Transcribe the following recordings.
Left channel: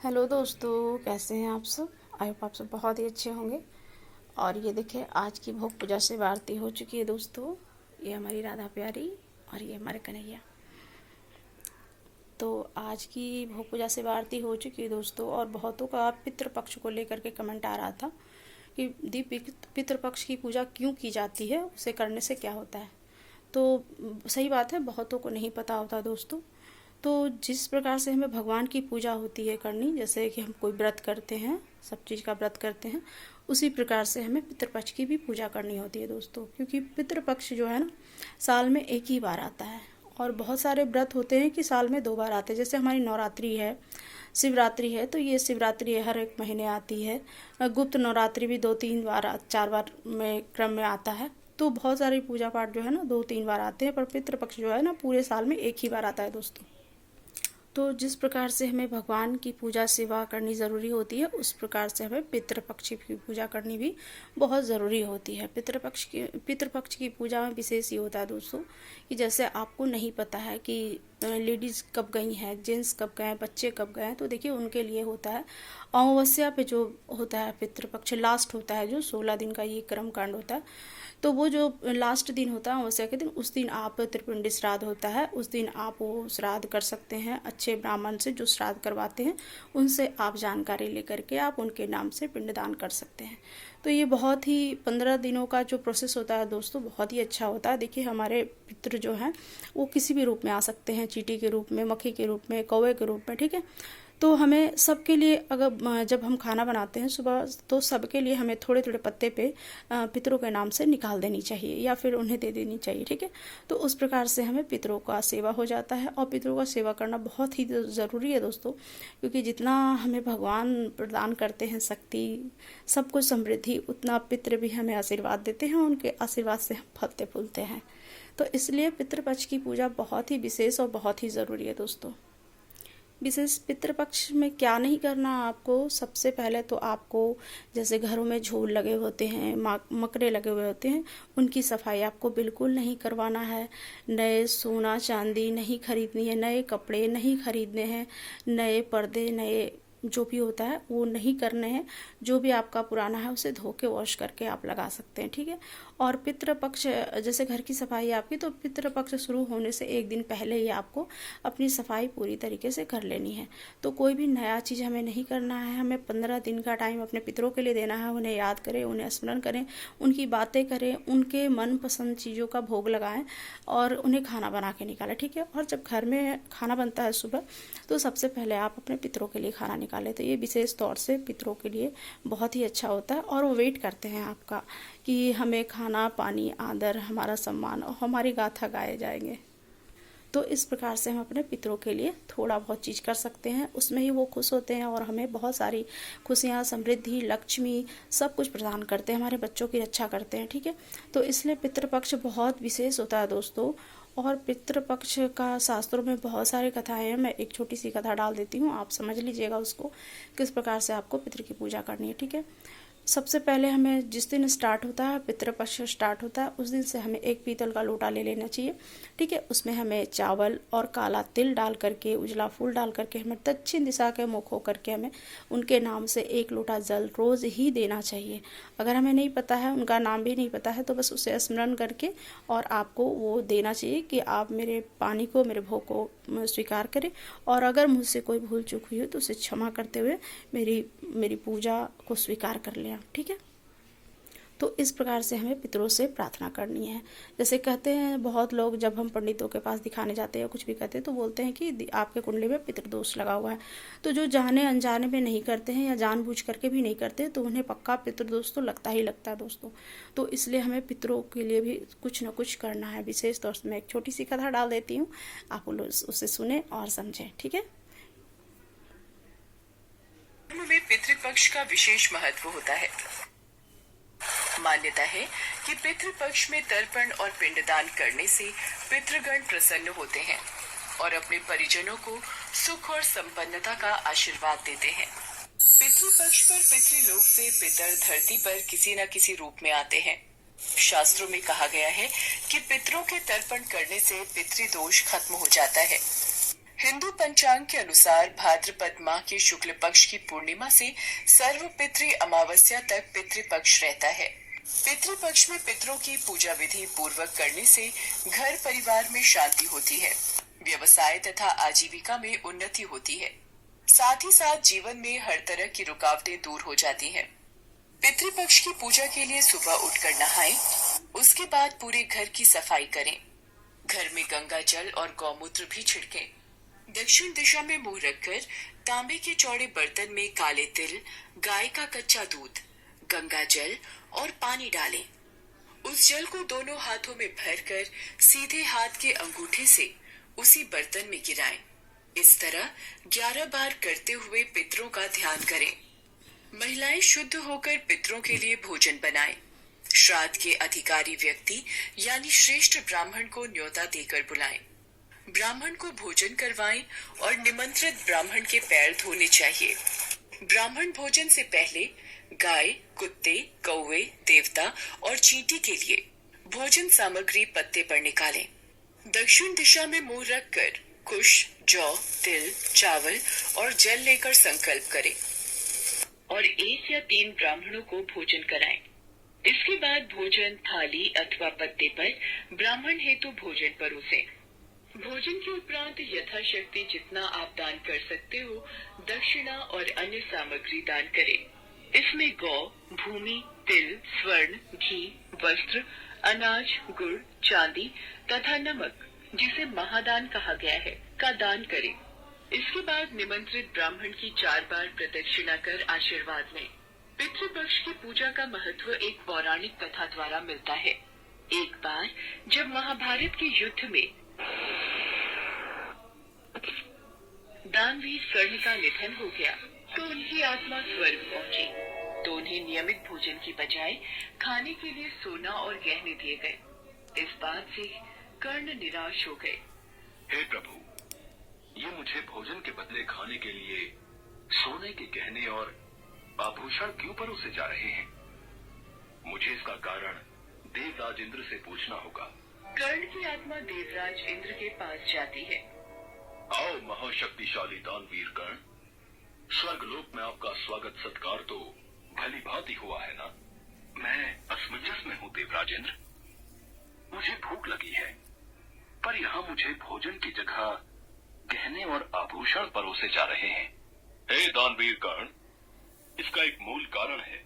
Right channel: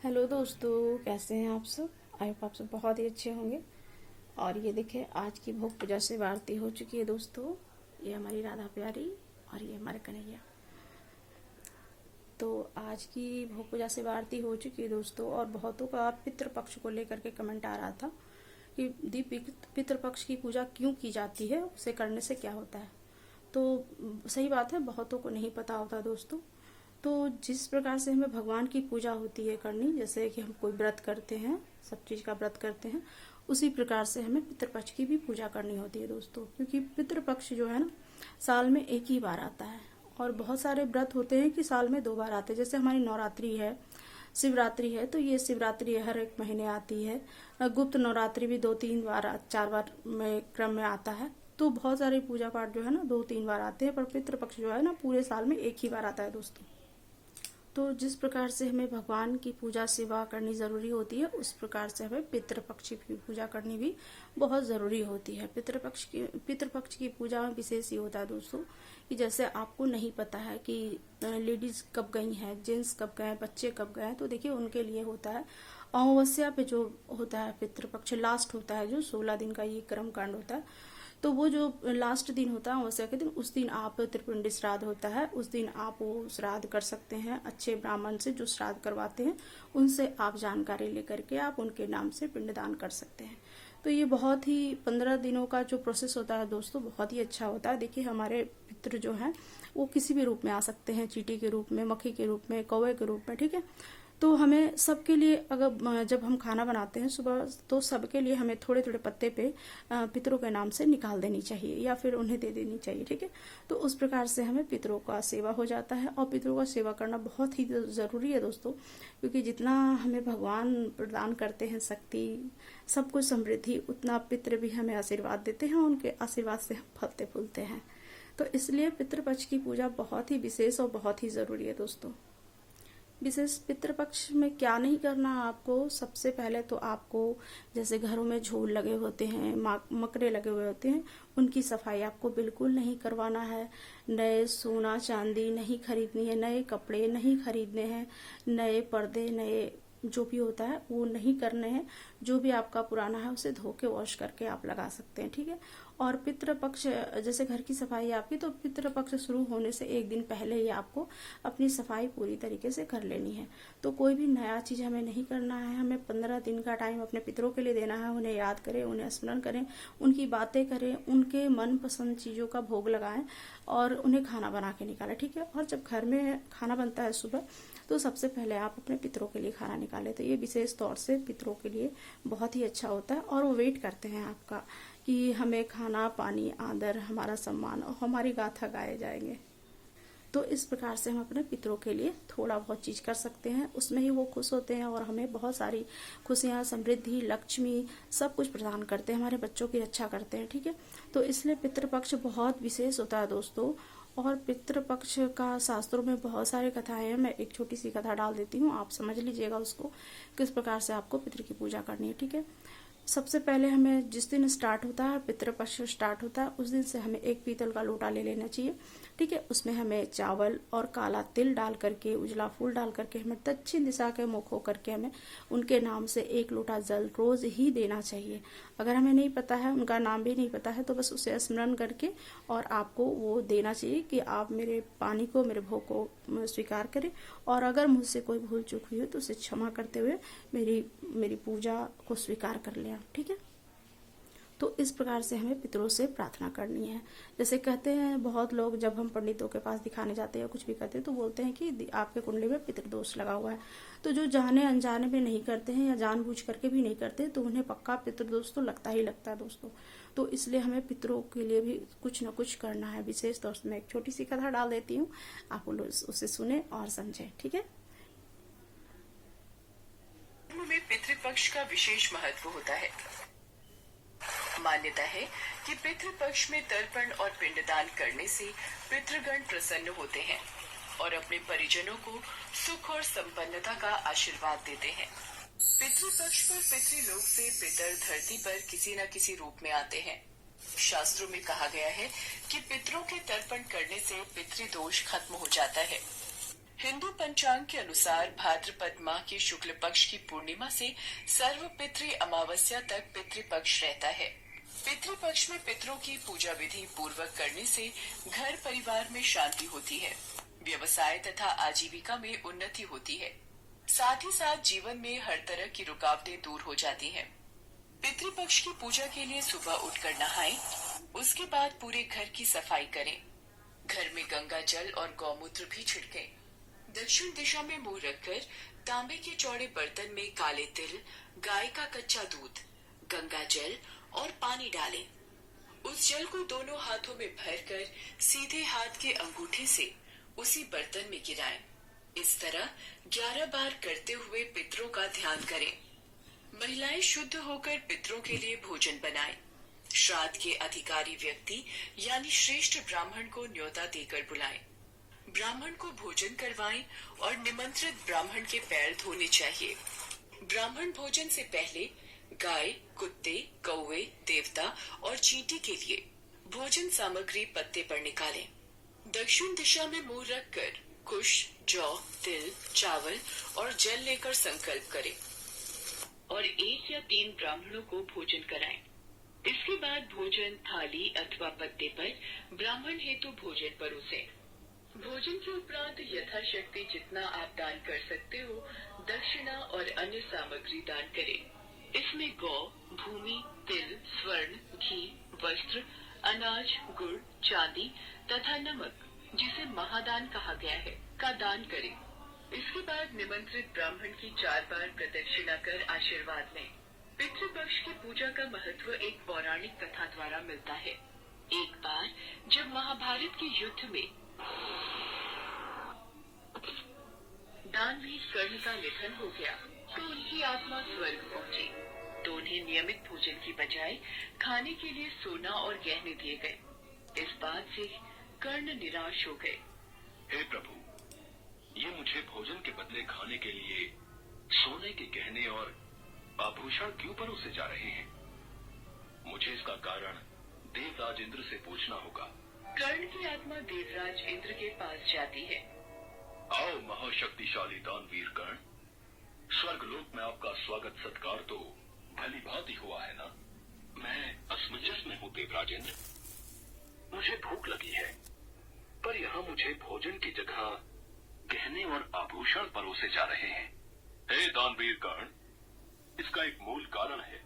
Hello दोस्तों, कैसे हैं आप सब। आई होप आप सब बहुत ही अच्छे होंगे। और ये देखिए, आज की भोग पूजा से आरती हो चुकी है दोस्तों। ये हमारी राधा प्यारी और ये हमारे कन्हैया। तो आज की भोग पूजा से आरती हो चुकी है दोस्तों। और बहुतों का पितृपक्ष को लेकर के कमेंट आ रहा था कि दी पितृपक्ष की पूजा क्यों की जाती है, उसे करने से क्या होता है। तो सही बात है, बहुतों को नहीं पता होता दोस्तों। तो जिस प्रकार से हमें भगवान की पूजा होती है करनी, जैसे कि हम कोई व्रत करते हैं, सब चीज़ का व्रत करते हैं, उसी प्रकार से हमें पितृपक्ष की भी पूजा करनी होती है दोस्तों। क्योंकि पितृपक्ष जो है ना, साल में एक ही बार आता है। और बहुत सारे व्रत होते हैं कि साल में 2 बार आते हैं। जैसे हमारी नवरात्रि है, शिवरात्रि है, तो ये शिवरात्रि हर एक महीने आती है। गुप्त नवरात्रि भी 2-3 बार 4 बार में क्रम में आता है। तो बहुत सारी पूजा पाठ जो है ना 2-3 बार आते हैं, पर पितृपक्ष जो है ना पूरे साल में एक ही बार आता है दोस्तों। तो जिस प्रकार से हमें भगवान की पूजा सेवा करनी ज़रूरी होती है, उस प्रकार से हमें पितृपक्ष की पूजा करनी भी बहुत ज़रूरी होती है। पितृपक्ष की पूजा में विशेष ये होता है दोस्तों कि जैसे आपको नहीं पता है कि लेडीज़ कब गई हैं, जेंट्स कब गए हैं, बच्चे कब गए हैं, तो देखिए उनके लिए होता है अमावस्या पे जो होता है पितृपक्ष, लास्ट होता है, जो 16 दिन का ये कर्म कांड होता है। तो वो जो लास्ट दिन होता है अमावस्या के दिन, उस दिन आप त्रिपिंडी श्राद्ध होता है, उस दिन आप वो श्राद्ध कर सकते हैं। अच्छे ब्राह्मण से जो श्राद्ध करवाते हैं, उनसे आप जानकारी लेकर के आप उनके नाम से पिंडदान कर सकते हैं। तो ये बहुत ही 15 दिनों का जो प्रोसेस होता है दोस्तों, बहुत ही अच्छा होता है। देखिए हमारे पितृ जो हैं वो किसी भी रूप में आ सकते हैं, चींटी के रूप में, मक्खी के रूप में, कौवे के रूप में, ठीक है। तो हमें सबके लिए, अगर जब हम खाना बनाते हैं सुबह, तो सबके लिए हमें थोड़े थोड़े पत्ते पे पितरों के नाम से निकाल देनी चाहिए या फिर उन्हें दे देनी चाहिए, ठीक है। तो उस प्रकार से हमें पितरों का सेवा हो जाता है। और पितरों का सेवा करना बहुत ही ज़रूरी है दोस्तों, क्योंकि जितना हमें भगवान प्रदान करते हैं शक्ति, सब कुछ समृद्धि, उतना पितृ भी हमें आशीर्वाद देते हैं। उनके आशीर्वाद से हम फलते फूलते हैं। तो इसलिए पितृपक्ष की पूजा बहुत ही विशेष और बहुत ही ज़रूरी है दोस्तों। विशेष पितृपक्ष में क्या नहीं करना आपको, सबसे पहले तो आपको, जैसे घरों में झूल लगे होते हैं, मकड़े लगे हुए होते हैं, उनकी सफाई आपको बिल्कुल नहीं करवाना है। नए सोना चांदी नहीं खरीदनी है, नए कपड़े नहीं खरीदने हैं, नए पर्दे, नए जो भी होता है वो नहीं करने हैं। जो भी आपका पुराना है उसे धो के वॉश करके आप लगा सकते हैं, ठीक है। और पितृपक्ष, जैसे घर की सफाई है आपकी, तो पितृपक्ष शुरू होने से एक दिन पहले ही आपको अपनी सफाई पूरी तरीके से कर लेनी है। तो कोई भी नया चीज़ हमें नहीं करना है। हमें 15 दिन का टाइम अपने पितरों के लिए देना है। उन्हें याद करें, उन्हें स्मरण करें, उनकी बातें करें, उनके मनपसंद चीज़ों का भोग लगाएं और उन्हें खाना बना के निकालें, ठीक है। और जब घर में खाना बनता है सुबह, तो सबसे पहले आप अपने पितरों के लिए खाना निकालें। तो ये विशेष तौर से पितरों के लिए बहुत ही अच्छा होता है। और वो वेट करते हैं आपका कि हमें खाना, पानी, आदर, हमारा सम्मान और हमारी गाथा गाए जाएंगे। तो इस प्रकार से हम अपने पितरों के लिए थोड़ा बहुत चीज़ कर सकते हैं, उसमें ही वो खुश होते हैं और हमें बहुत सारी खुशियाँ, समृद्धि, लक्ष्मी, सब कुछ प्रदान करते हैं, हमारे बच्चों की रक्षा करते हैं, ठीक है। तो इसलिए पितृपक्ष बहुत विशेष होता है दोस्तों। और पितृपक्ष का शास्त्रों में बहुत सारी कथाएं हैं। मैं एक छोटी सी कथा डाल देती हूँ, आप समझ लीजिएगा उसको, किस प्रकार से आपको पितृ की पूजा करनी है, ठीक है। सबसे पहले हमें जिस दिन स्टार्ट होता है, पितृपक्ष स्टार्ट होता है, उस दिन से हमें एक पीतल का लोटा ले लेना चाहिए, ठीक है। उसमें हमें चावल और काला तिल डाल करके, उजला फूल डाल करके, हमें दक्षिण दिशा के मुख होकर के हमें उनके नाम से 1 लोटा जल रोज़ ही देना चाहिए। अगर हमें नहीं पता है, उनका नाम भी नहीं पता है, तो बस उसे स्मरण करके और आपको वो देना चाहिए कि आप मेरे पानी को, मेरे भोग को स्वीकार करें। और अगर मुझसे कोई भूल चूक हुई हो तो उसे क्षमा करते हुए मेरी पूजा को स्वीकार कर लें, ठीक है। तो इस प्रकार से हमें पितरों से प्रार्थना करनी है। जैसे कहते हैं बहुत लोग, जब हम पंडितों के पास दिखाने जाते हैं या कुछ भी कहते हैं, तो बोलते हैं कि आपके कुंडली में पितृदोष लगा हुआ है। तो जो जाने अनजाने में नहीं करते हैं या जानबूझ करके भी नहीं करते, तो उन्हें पक्का पितृदोष तो लगता ही लगता है दोस्तों। तो इसलिए हमें पितरों के लिए भी कुछ न कुछ करना है। विशेष तौर से मैं एक छोटी सी कथा डाल देती हूँ, आप उसे सुने और समझें, ठीक है। में पितृपक्ष का विशेष महत्व होता है। मान्यता है कि पितृपक्ष में तर्पण और पिंडदान करने से पितृगण प्रसन्न होते हैं और अपने परिजनों को सुख और संपन्नता का आशीर्वाद देते हैं। पितृपक्ष पर पितृलोक से पितर धरती पर किसी न किसी रूप में आते हैं। शास्त्रों में कहा गया है कि पितरों के तर्पण करने से पितृदोष खत्म हो जाता है। हिंदू पंचांग के अनुसार भाद्रपद माह के शुक्ल पक्ष की पूर्णिमा से सर्वपितृ अमावस्या तक पितृपक्ष रहता है। पितृपक्ष में पितरों की पूजा विधि पूर्वक करने से घर परिवार में शांति होती है, व्यवसाय तथा आजीविका में उन्नति होती है। साथ ही साथ जीवन में हर तरह की रुकावटें दूर हो जाती हैं। पितृपक्ष की पूजा के लिए सुबह उठकर नहाएं, उसके बाद पूरे घर की सफाई करें। घर में गंगा जल और गौमूत्र भी छिड़कें। दक्षिण दिशा में मुंह रखकर तांबे के चौड़े बर्तन में काले तिल, गाय का कच्चा दूध, गंगा जल और पानी डालें। उस जल को दोनों हाथों में भरकर सीधे हाथ के अंगूठे से उसी बर्तन में गिराएं। इस तरह 11 बार करते हुए पितरों का ध्यान करें। महिलाएं शुद्ध होकर पितरों के लिए भोजन बनाएं। श्राद्ध के अधिकारी व्यक्ति यानी श्रेष्ठ ब्राह्मण को न्योता देकर बुलाएं। ब्राह्मण को भोजन करवाएं और निमंत्रित ब्राह्मण के पैर धोने चाहिए। ब्राह्मण भोजन से पहले गाय, कुत्ते, कौवे, देवता और चींटी के लिए भोजन सामग्री पत्ते पर निकालें। दक्षिण दिशा में मुंह रखकर कुश, जौ, तिल, चावल और जल लेकर संकल्प करें और 1 या 3 ब्राह्मणों को भोजन कराएं। इसके बाद भोजन थाली अथवा पत्ते पर ब्राह्मण हेतु भोजन परोसें। भोजन के उपरांत यथाशक्ति जितना आप दान कर सकते हो, दक्षिणा और अन्य सामग्री दान करें। इसमें गौ, भूमि, तिल, स्वर्ण, घी, वस्त्र, अनाज, गुड़, चांदी तथा नमक, जिसे महादान कहा गया है, का दान करें। इसके बाद निमंत्रित ब्राह्मण की 4 बार प्रदक्षिणा कर आशीर्वाद लें। पितृपक्ष की पूजा का महत्व एक पौराणिक कथा द्वारा मिलता है। एक बार जब महाभारत के युद्ध में दानवीर कर्ण का निधन हो गया तो उनकी आत्मा स्वर्ग पहुंची, तो उन्हें नियमित भोजन की बजाय खाने के लिए सोना और गहने दिए गए। इस बात से कर्ण निराश हो गए। हे प्रभु, ये मुझे भोजन के बदले खाने के लिए सोने के गहने और आभूषण क्यों परोसे जा रहे हैं? मुझे इसका कारण देवराज इंद्र से पूछना होगा। कर्ण की आत्मा देवराज इंद्र के पास जाती है। आओ महाशक्तिशाली दानवीर कर्ण, स्वर्गलोक में आपका स्वागत सत्कार तो भली भांति हुआ है ना? मैं असमंजस में हूँ देवराज इंद्र। मुझे भूख लगी है, पर यहाँ मुझे भोजन की जगह गहने और आभूषण परोसे जा रहे हैं। हे दानवीर कर्ण, इसका एक मूल कारण है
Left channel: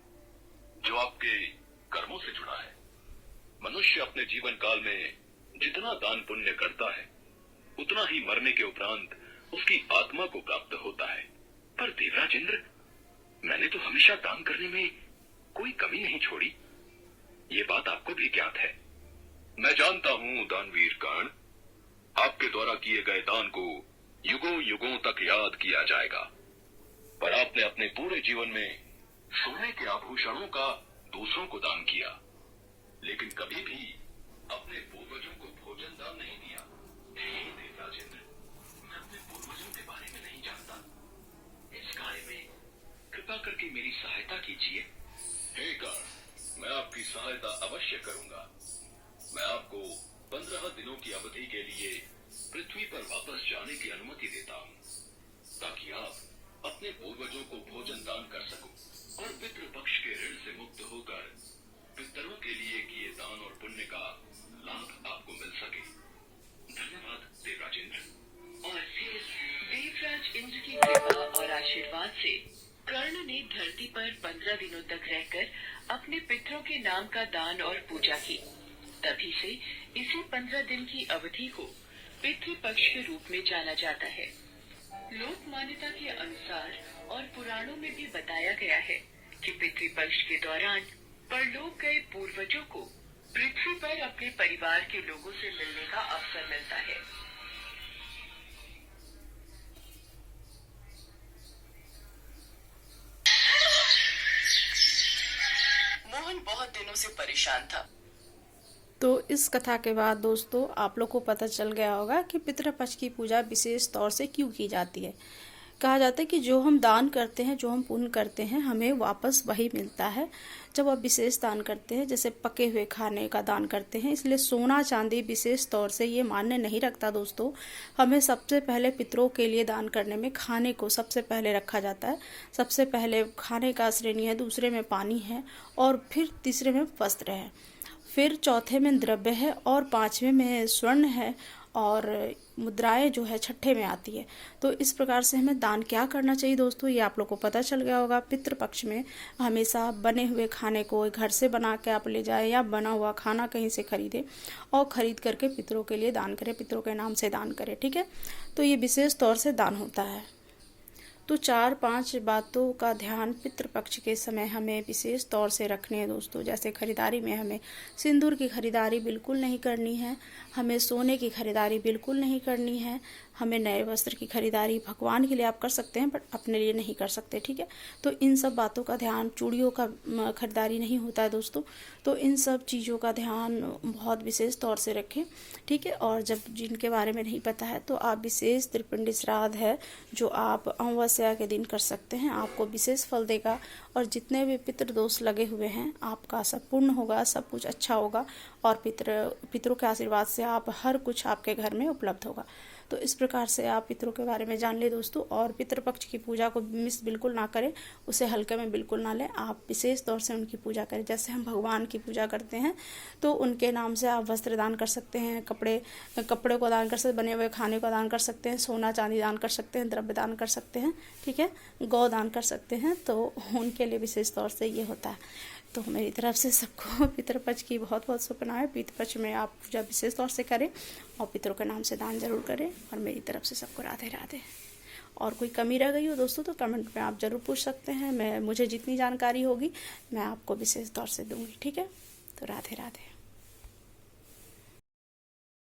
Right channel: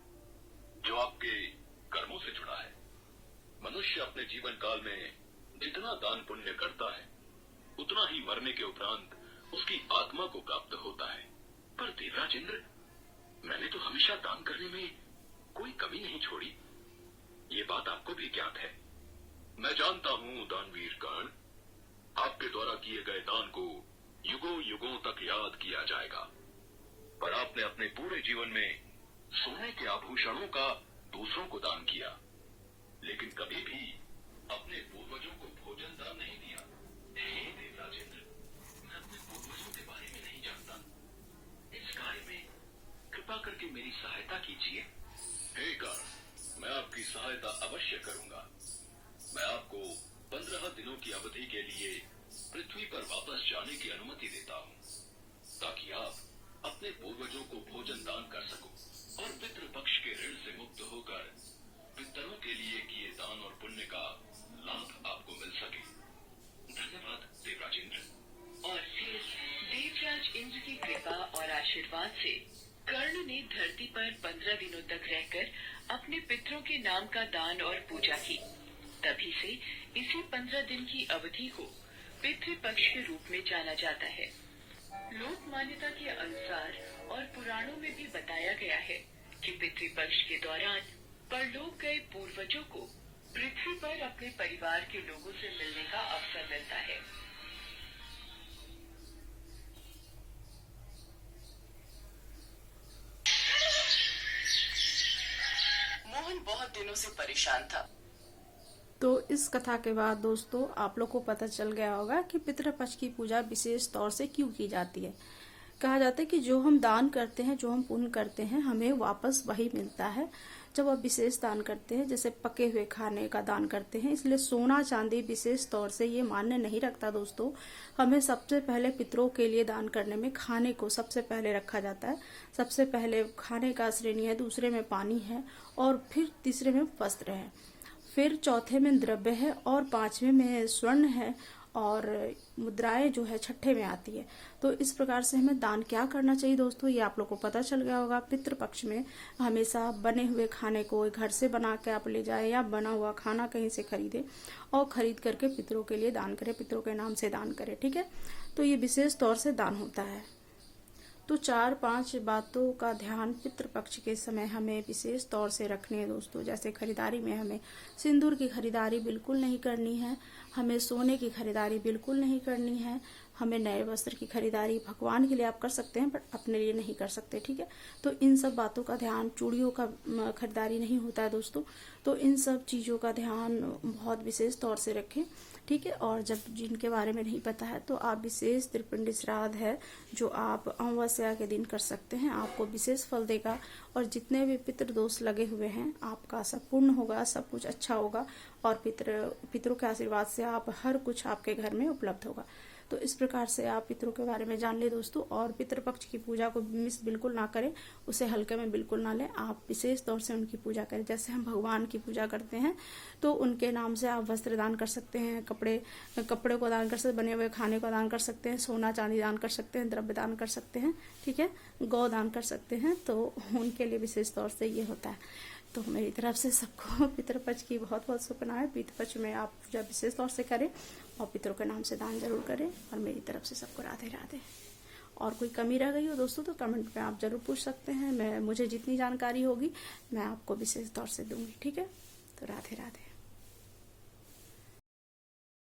जो आपके कर्मों से जुड़ा है। मनुष्य अपने जीवन काल में जितना दान पुण्य करता है, उतना ही मरने के उपरांत उसकी आत्मा को प्राप्त होता है। पर देवराज इंद्र, मैंने तो हमेशा दान करने में कोई कमी नहीं छोड़ी। ये बात आपको भी ज्ञात है। मैं जानता हूँ दानवीर कर्ण, आपके द्वारा किए गए दान को युगों युगों तक याद किया जाएगा। पर आपने अपने पूरे जीवन में सोने के आभूषणों का दूसरों को दान किया, लेकिन कभी भी अपने पूर्वजों को भोजन दान नहीं दिया। हे देवराज इंद्र, मैं अपने पूर्वजों के बारे में नहीं जानता। इस कार्य में कृपा करके मेरी सहायता कीजिए। हे कर्ण, मैं आपकी सहायता अवश्य करूंगा। मैं आपको 15 दिनों की अवधि के लिए पृथ्वी पर वापस जाने की अनुमति देता हूँ, ताकि आप अपने पूर्वजों को भोजन दान कर सको और पितृपक्ष के ऋण से मुक्त होकर पितरों के लिए किए दान और पुण्य का लाभ आपको मिल सके। धन्यवाद देवराज इंद्र। और फिर देवराज इंद्र की कृपा और आशीर्वाद से कर्ण ने धरती पर 15 दिनों तक रहकर अपने पितरों के नाम का दान और पूजा की। तभी से इसी 15 दिन की अवधि को पितृपक्ष के रूप में जाना जाता है। लोक मान्यता के अनुसार और पुराणों में भी बताया गया है कि पितृपक्ष के दौरान परलोक गए पूर्वजों को पृथ्वी पर अपने परिवार के लोगों से मिलने का अवसर मिलता है। मोहन बहुत दिनों से परेशान था। तो इस कथा के बाद दोस्तों आप लोग को पता चल गया होगा कि पितृपक्ष की पूजा विशेष तौर से क्यों की जाती है। कहा जाता है कि जो हम दान करते हैं, जो हम पुण्य करते हैं, हमें वापस वही मिलता है जब आप विशेष दान करते हैं, जैसे पके हुए खाने का दान करते हैं। इसलिए सोना चांदी विशेष तौर से ये मान्य नहीं रखता दोस्तों। हमें सबसे पहले पितरों के लिए दान करने में खाने को सबसे पहले रखा जाता है। सबसे पहले खाने का श्रेणी है, दूसरे में पानी है, और फिर तीसरे में वस्त्र है, फिर चौथे में द्रव्य है, और पांचवें में स्वर्ण है, और मुद्राएं जो है छठे में आती है। तो इस प्रकार से हमें दान क्या करना चाहिए दोस्तों, ये आप लोग को पता चल गया होगा। पितृपक्ष में हमेशा बने हुए खाने को घर से बना के आप ले जाए, या बना हुआ खाना कहीं से खरीदे और खरीद करके पितरों के लिए दान करें, पितरों के नाम से दान करें, ठीक है। तो ये विशेष तौर से दान होता है। तो 4-5 बातों का ध्यान पितृपक्ष के समय हमें विशेष तौर से रखने हैं दोस्तों। जैसे खरीदारी में हमें सिंदूर की खरीदारी बिल्कुल नहीं करनी है, हमें सोने की खरीदारी बिल्कुल नहीं करनी है, हमें नए वस्त्र की खरीदारी भगवान के लिए आप कर सकते हैं, बट अपने लिए नहीं कर सकते, ठीक है। तो इन सब बातों का ध्यान, चूड़ियों का खरीदारी नहीं होता है दोस्तों। तो इन सब चीज़ों का ध्यान बहुत विशेष तौर से रखें, ठीक है। और जब जिनके बारे में नहीं पता है तो आप विशेष त्रिपिंडी श्राद्ध है जो आप अमावस्या के दिन कर सकते हैं, आपको विशेष फल देगा। और जितने भी पितृदोष लगे हुए हैं आपका सब पूर्ण होगा, सब कुछ अच्छा होगा, और पितरों के आशीर्वाद से आप हर कुछ आपके घर में उपलब्ध होगा। तो इस प्रकार से आप पितरों के बारे में जान ले दोस्तों। और पितृपक्ष की पूजा को मिस बिल्कुल ना करें, उसे हल्के में बिल्कुल ना लें, आप विशेष तौर से उनकी पूजा करें। जैसे हम भगवान की पूजा करते हैं तो उनके नाम से आप वस्त्र दान कर सकते हैं, कपड़े को दान कर सकते हैं, बने हुए खाने को दान कर सकते हैं, सोना चांदी दान कर सकते हैं, द्रव्य दान कर सकते हैं, ठीक है, गौ दान कर सकते हैं। तो उनके लिए विशेष तौर से ये होता है। तो मेरी तरफ से सबको पितृपक्ष की बहुत बहुत शुभकामनाएं। पितृपक्ष में आप पूजा विशेष तौर से करें और पितरों के नाम से दान जरूर करें। और मेरी तरफ से सबको राधे राधे। और कोई कमी रह गई हो दोस्तों तो कमेंट में आप जरूर पूछ सकते हैं, मुझे जितनी जानकारी होगी मैं आपको विशेष तौर से दूंगी, ठीक है। तो राधे राधे।